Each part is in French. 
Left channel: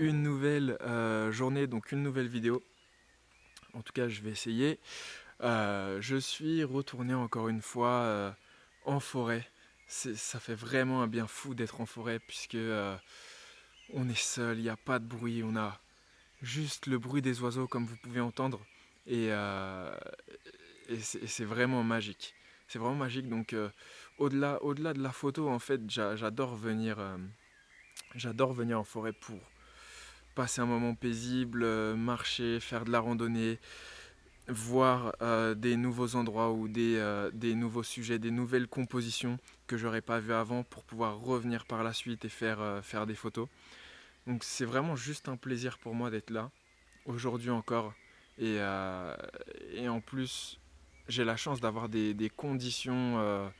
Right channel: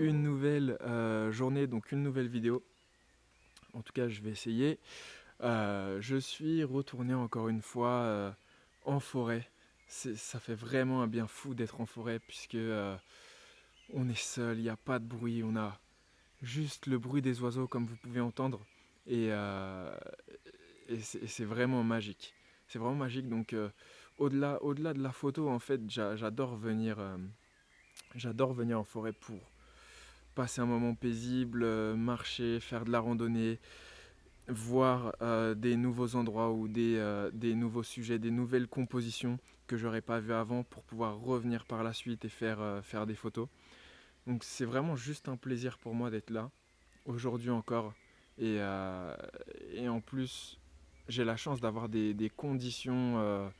une nouvelle journée, donc une nouvelle vidéo. En tout cas, je vais essayer. Je suis retourné encore une fois en forêt. Ça fait vraiment un bien fou d'être en forêt puisque on est seul, il n'y a pas de bruit, on a juste le bruit des oiseaux comme vous pouvez entendre et, euh, et c'est vraiment magique. C'est vraiment magique. Donc au-delà de la photo, en fait, j'adore venir en forêt pour passer un moment paisible, marcher, faire de la randonnée, voir des nouveaux endroits ou des nouveaux sujets, des nouvelles compositions que j'aurais pas vues avant pour pouvoir revenir par la suite et faire des photos. Donc c'est vraiment juste un plaisir pour moi d'être là, aujourd'hui encore. Et, euh, et en plus, j'ai la chance d'avoir des conditions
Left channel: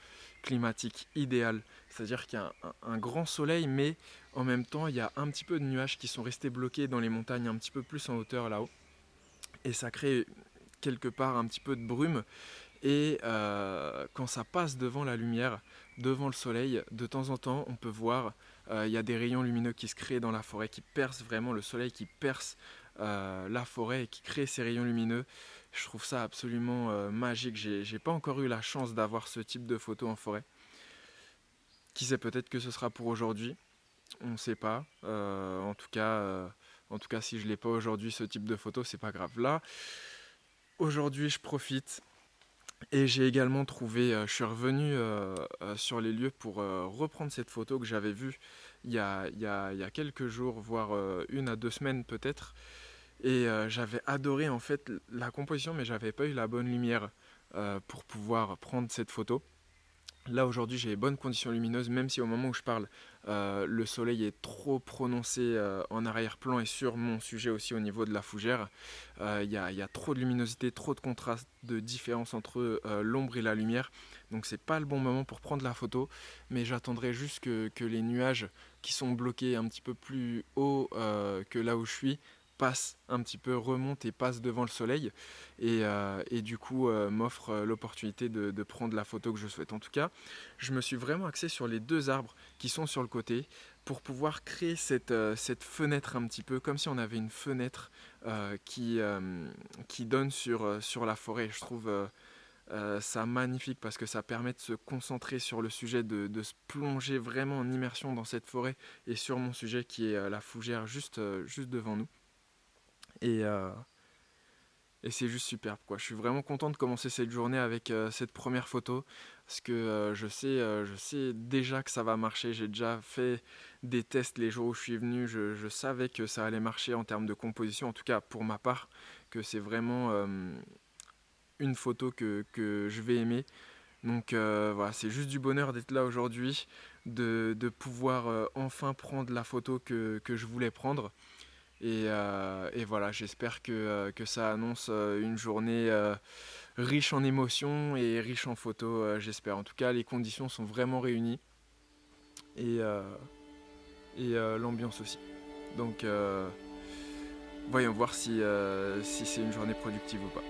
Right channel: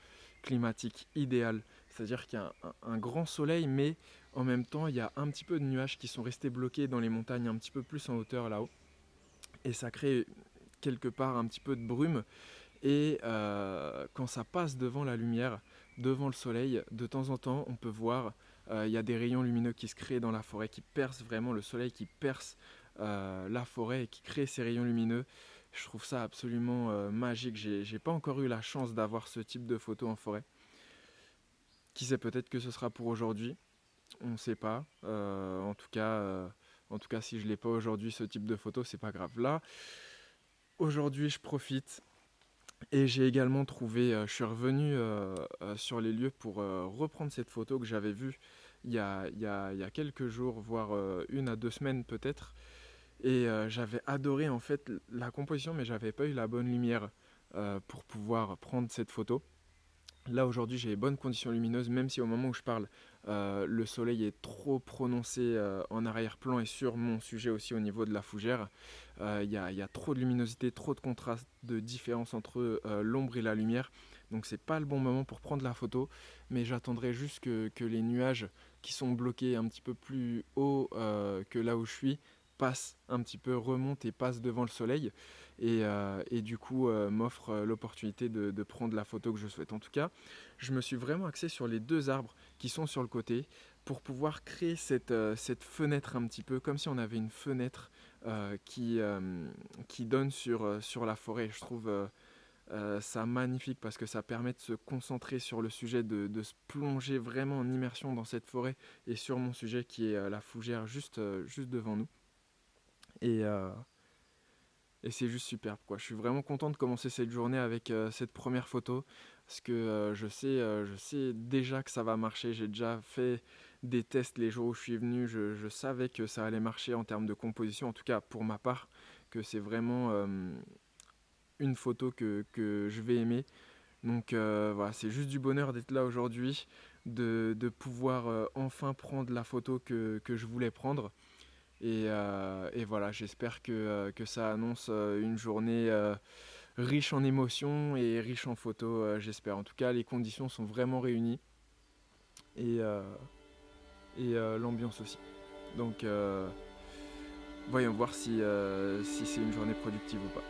climatiques idéales. C'est-à-dire qu'il y a un grand soleil, mais en même temps, il y a un petit peu de nuages qui sont restés bloqués dans les montagnes, un petit peu plus en hauteur là-haut. Et ça crée quelque part un petit peu de brume. Et quand ça passe devant la lumière, devant le soleil, de temps en temps, on peut voir, il y a des rayons lumineux qui se créent dans la forêt, qui percent vraiment le soleil, qui perce la forêt et qui crée ces rayons lumineux. Je trouve ça absolument magique. J'ai pas encore eu la chance d'avoir ce type de photo en forêt. Qui sait, peut-être que ce sera pour aujourd'hui. On ne sait pas. En tout cas, si je l'ai pas aujourd'hui, ce type de photo, c'est pas grave. Là, aujourd'hui, je profite. Et j'ai également trouvé, je suis revenu sur les lieux pour reprendre cette photo que j'avais vue il y a quelques jours, voire 1 à 2 semaines peut-être. Et j'avais adoré en fait la composition, mais j'avais pas eu la bonne lumière pour pouvoir prendre cette photo. Là aujourd'hui j'ai les bonnes conditions lumineuses, même si au moment où je parle, le soleil est trop prononcé en arrière-plan et sur mon sujet aussi au niveau de la fougère. Il y a trop de luminosité, trop de contraste, de différence entre l'ombre et la lumière. Donc c'est pas le bon moment pour prendre la photo, mais j'attendrai juste que les nuages qui sont bloqués un petit peu plus haut que là où je suis passent un petit peu, remontent et passent devant le soleil et du coup m'offre l'opportunité de prendre la photo que je souhaite. En tout cas, je me suis vraiment axé sur les deux arbres qui sont sur le côté pour pouvoir créer cette fenêtre un petit peu, comme si on avait une fenêtre qui donne sur la forêt. Je trouve ça magnifique parce que ça permet de se concentrer sur le sujet, de se plonger vraiment en immersion dans cette forêt et sur mon sujet qui est la fougère juste devant nous. Et, euh, et c'est juste superbe, quoi. Je suis vraiment content de commencer cette journée avec cette première photo parce que je sais déjà que ça va marcher. J'ai déjà fait des tests les jours où je suis venu. Je savais que ça allait marcher en termes de composition, en tout cas pour ma part, que c'est vraiment une photo que je vais aimer. Donc voilà, c'est juste du bonheur d'être là aujourd'hui, de pouvoir enfin prendre la photo que je voulais prendre. Et voilà, j'espère que ça annonce une journée riche en émotions et riche en photos, j'espère. En tout cas, les conditions sont vraiment réunies et, euh, et l'ambiance aussi. Donc, voyons voir si c'est une journée productive ou pas.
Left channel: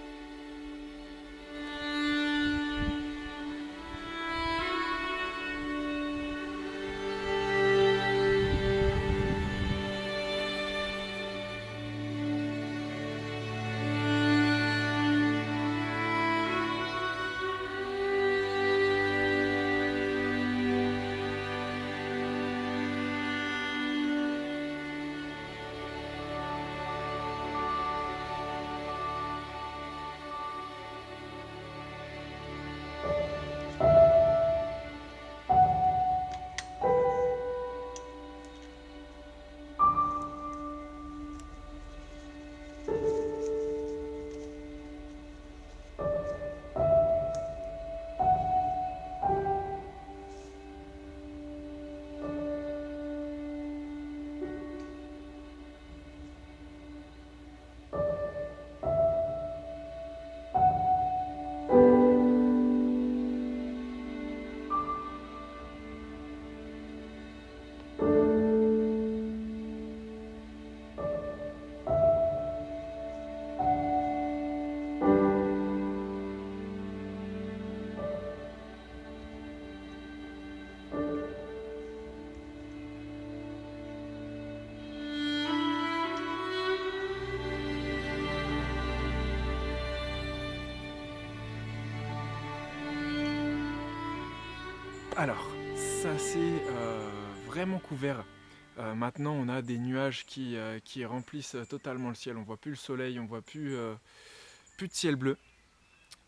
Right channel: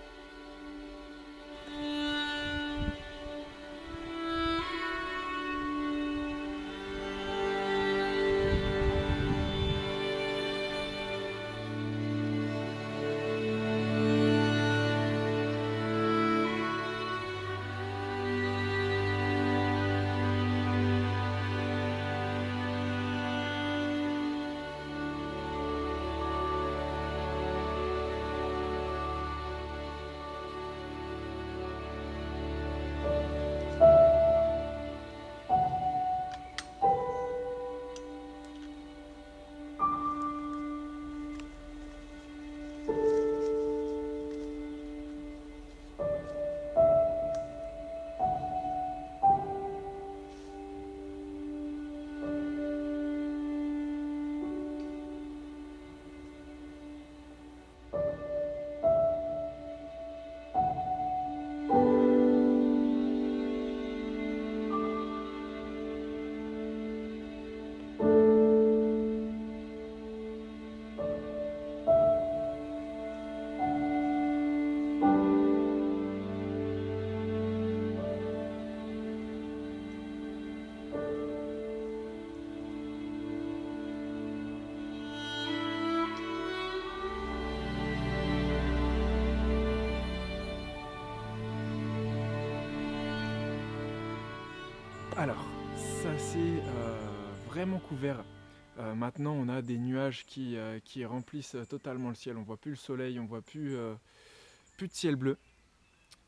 Alors, ça c'est vraiment couvert. Maintenant, on a des nuages qui remplissent totalement le ciel. On voit plus le soleil, on voit plus de ciel bleu.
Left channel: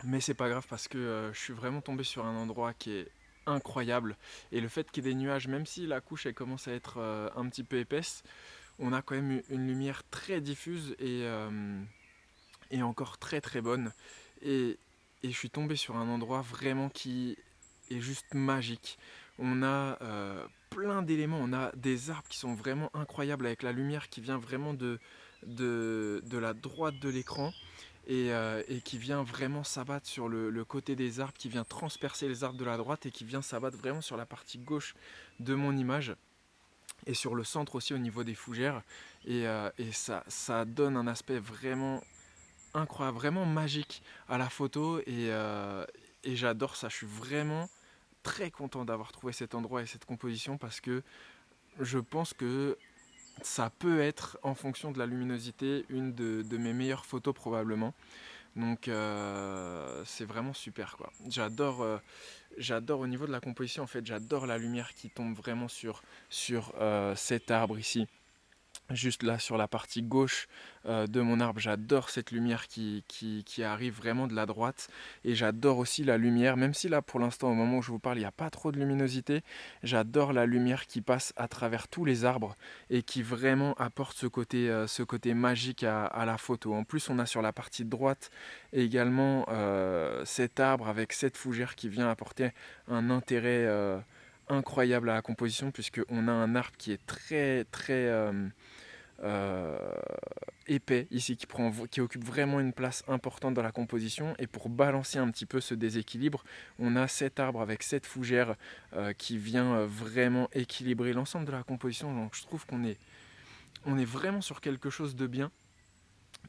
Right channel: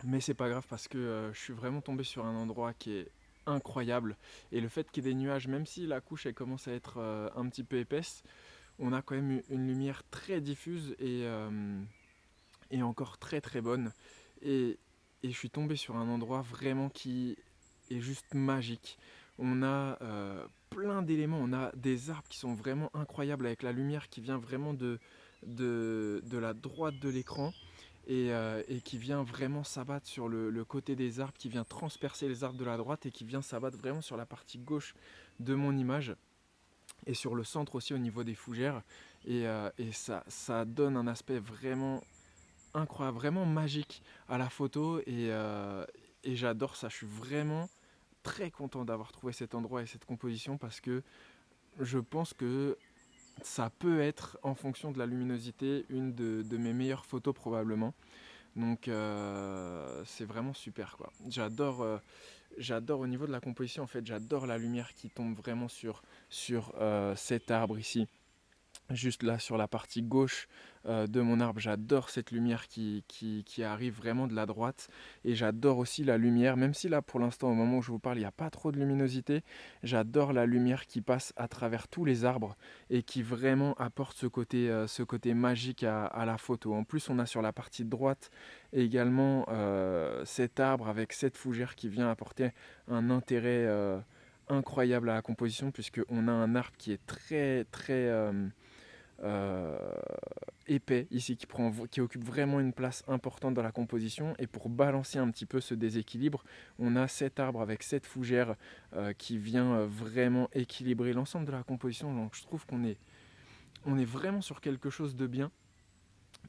Mais c'est pas grave parce que je suis vraiment tombé sur un endroit qui est incroyable. Et le fait qu'il y ait des nuages, même si la couche elle commence à être un petit peu épaisse, on a quand même une lumière très diffuse et encore très très bonne. Et, et je suis tombé sur un endroit vraiment qui est juste magique. On a plein d'éléments, on a des arbres qui sont vraiment incroyables avec la lumière qui vient vraiment de la droite de l'écran et qui vient vraiment s'abattre sur le côté des arbres, qui vient transpercer les arbres de la droite et qui vient s'abattre vraiment sur la partie gauche de mon image et sur le centre aussi au niveau des fougères. Et ça donne un aspect vraiment incroyable, vraiment magique à la photo et j'adore ça. Je suis vraiment très content d'avoir trouvé cet endroit et cette composition parce que je pense que ça peut être, en fonction de la luminosité, une de mes meilleures photos probablement. Donc c'est vraiment super quoi. J'adore au niveau de la composition en fait, j'adore la lumière qui tombe vraiment sur cet arbre ici. Juste là sur la partie gauche de mon arbre, j'adore cette lumière qui arrive vraiment de la droite et j'adore aussi la lumière, même si là pour l'instant au moment où je vous parle il n'y a pas trop de luminosité, j'adore la lumière qui passe à travers tous les arbres et qui vraiment apporte ce côté magique à la photo. En plus on a sur la partie droite également cet arbre avec cette fougère qui vient apporter un intérêt incroyable à la composition puisqu'on a un arbre qui est très très euh, épais ici qui occupe vraiment une place importante dans la composition et pour balancer un petit peu ce déséquilibre on a cet arbre avec cette fougère qui vient vraiment équilibrer l'ensemble de la composition, donc je trouve on est vraiment sur quelque chose de bien.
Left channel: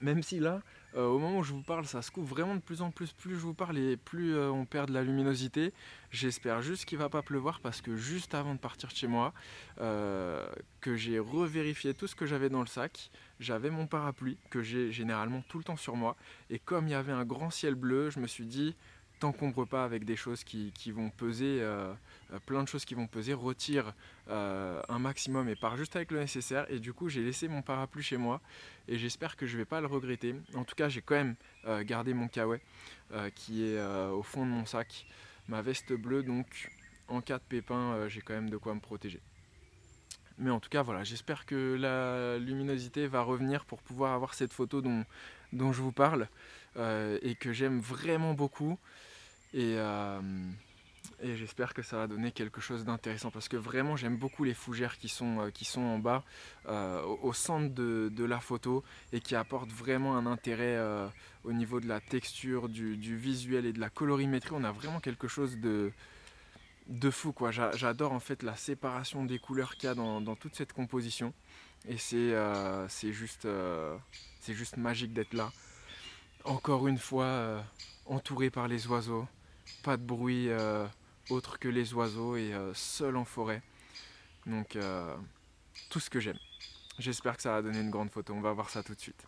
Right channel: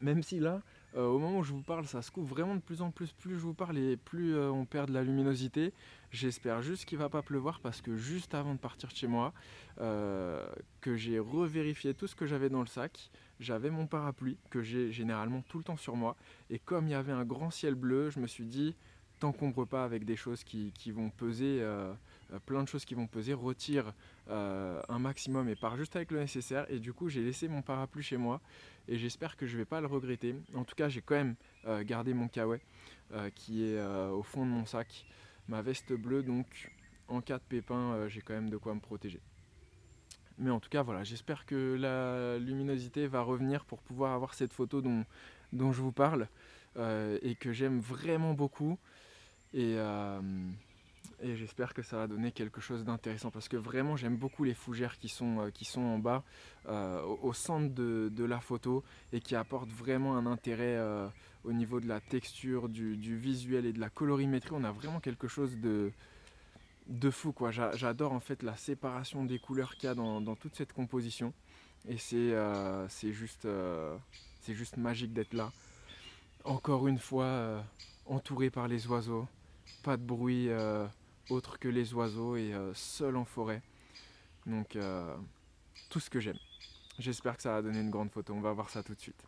Même si là, au moment où je vous parle, ça se couvre vraiment de plus en plus. Plus je vous parle et plus on perd de la luminosité. J'espère juste qu'il ne va pas pleuvoir parce que juste avant de partir de chez moi, que j'ai revérifié tout ce que j'avais dans le sac, j'avais mon parapluie que j'ai généralement tout le temps sur moi. Et comme il y avait un grand ciel bleu, je me suis dit, t'encombre pas avec des choses qui vont peser, plein de choses qui vont peser, retire un maximum et pars juste avec le nécessaire. Et du coup, j'ai laissé mon parapluie chez moi et j'espère que je vais pas le regretter. En tout cas, j'ai quand même gardé mon kawaii qui est au fond de mon sac, ma veste bleue, donc en cas de pépin, j'ai quand même de quoi me protéger. Mais en tout cas, voilà, j'espère que la luminosité va revenir pour pouvoir avoir cette photo dont je vous parle et que j'aime vraiment beaucoup. Et, euh, et j'espère que ça va donner quelque chose d'intéressant parce que vraiment j'aime beaucoup les fougères qui sont en bas, au centre de la photo et qui apportent vraiment un intérêt au niveau de la texture, du visuel et de la colorimétrie. On a vraiment quelque chose de fou quoi. J'adore en fait la séparation des couleurs qu'il y a dans toute cette composition et c'est juste magique d'être là. Encore une fois, entouré par les oiseaux, pas de bruit autre que les oiseaux et seul en forêt. Donc tout ce que j'aime. J'espère que ça va donner une grande photo, on va voir ça tout de suite.